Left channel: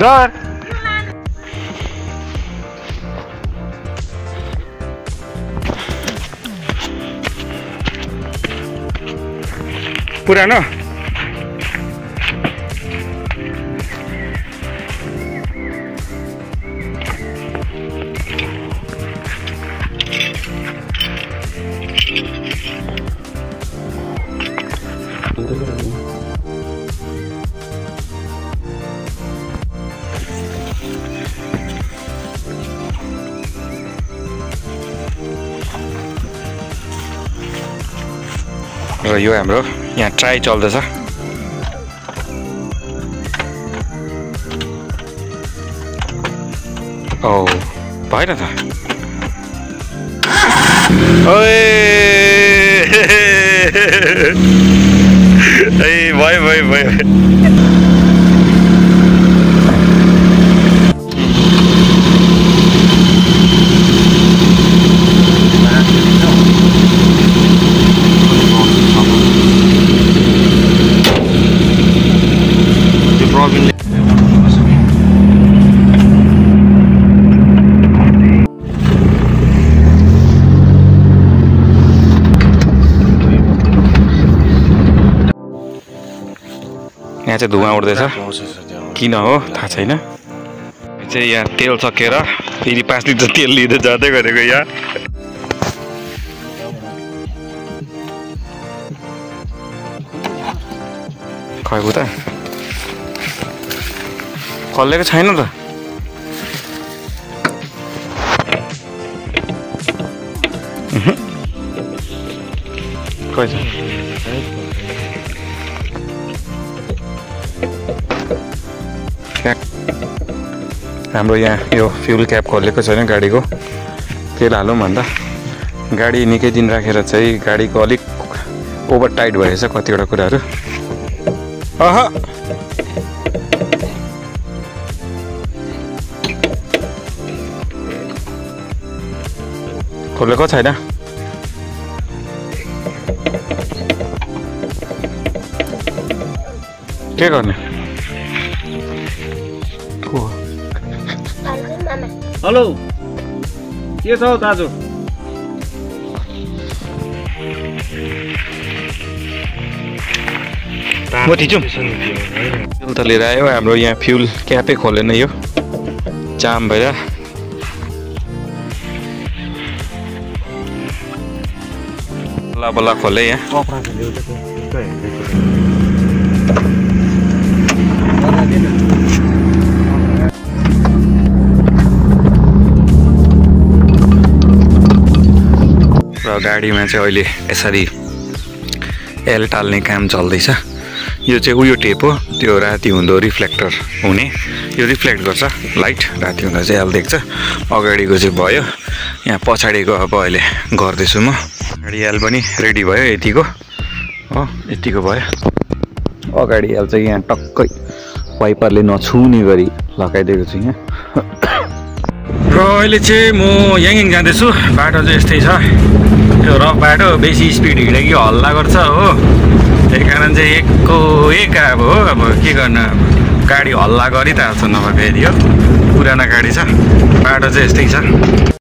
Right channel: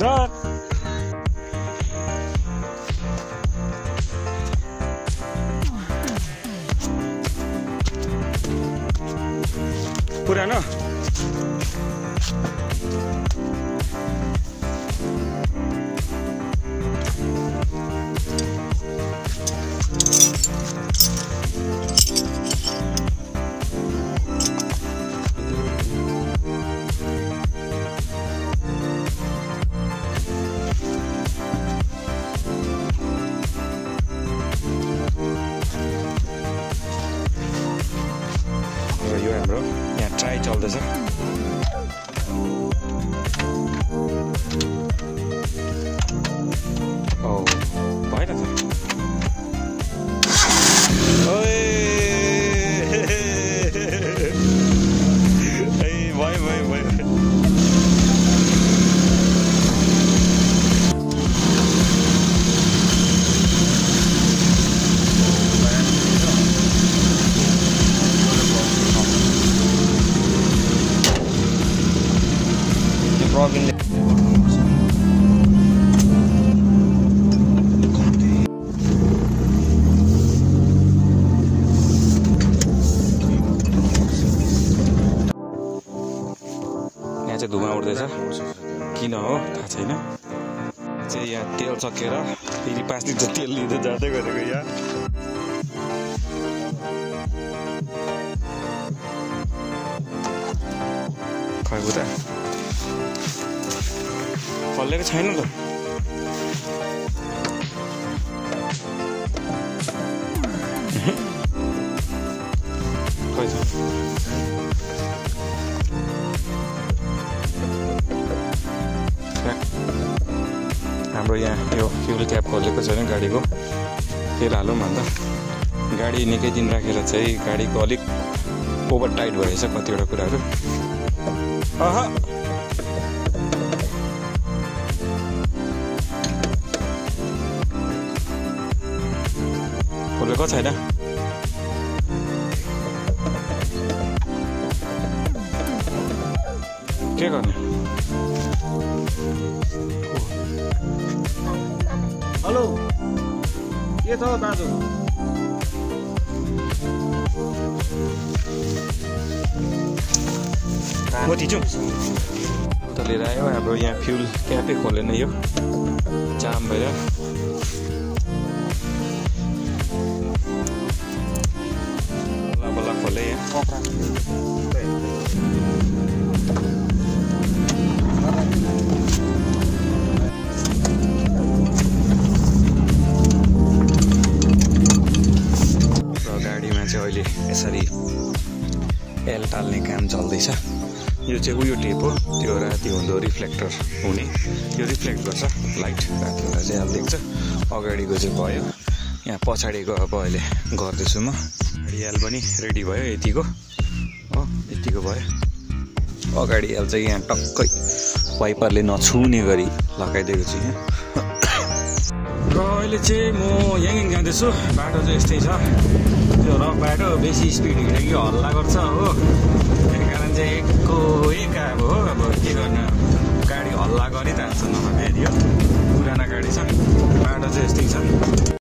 धर पुरानो र यो हाम्रो यहाँ ट्राई चल्दैछ ओ भएन त ओए भयो यहाँ चाहिँ धुवा उड्दैछ किन हो थाहा छैन चाहिँ यहाँ तेल सकेर फेरि 5 लिटर तेल लिँदै जाँदै गरेको यहाँ खै उता खल्लेको छैन त खै हाम्रो यहाँ यो फ्युल क्याप खोलेको छैन गाडीको तेल हालौँ भन्दा गाडी निकै दिन राखेर चाहिँ गाडीको अलिक ओभर टाइट भएछ कतिवटा कुराहरू खोलेको छैन के गर्ने हेलो के छ दाजु म थिचौँ त लिएर आयो हाम्रो यहाँ फ्युल क्यापै खोलेन यो जाम भएर बल्ल बल्ल खोले यहाँ गाडीमा चाहिँ अहिले यसरी एल टाल्ने काम चल्दैछ यो चाहिँ उयो टेप हो त्यो राति हुँदो रिफ्लेक्टर हुने यो रिफ्लेक्ट गर्छ लाइट राति हुँदा चाहिँ एल देख्छ अगाडिको चाहिँ भयो यहाँ पछाडिको अब अहिले गर्दैछु म अगाडि एल पनि रेडी भयो यतिको हो यतिको भयो अगाडि एल चाहिँ यहाँ टक्कै वाइपरले नछुने गरी लगाइदिएको छु यहाँ र अहिले चाहिँ म यहीँ जाँदैछु बाटो चाहिँ यस्तै छ यो रफ बाटो बेसी स्पिड हिँड्यो कि हल्ला गर्छ हो त्यही कारण चाहिँ एक अब हो अब के गर्नु गाडी हल्ला गरिरहेको छ नभए फेरि हो पुरानो गाडी छ बाटो चाहिँ यस्तै छ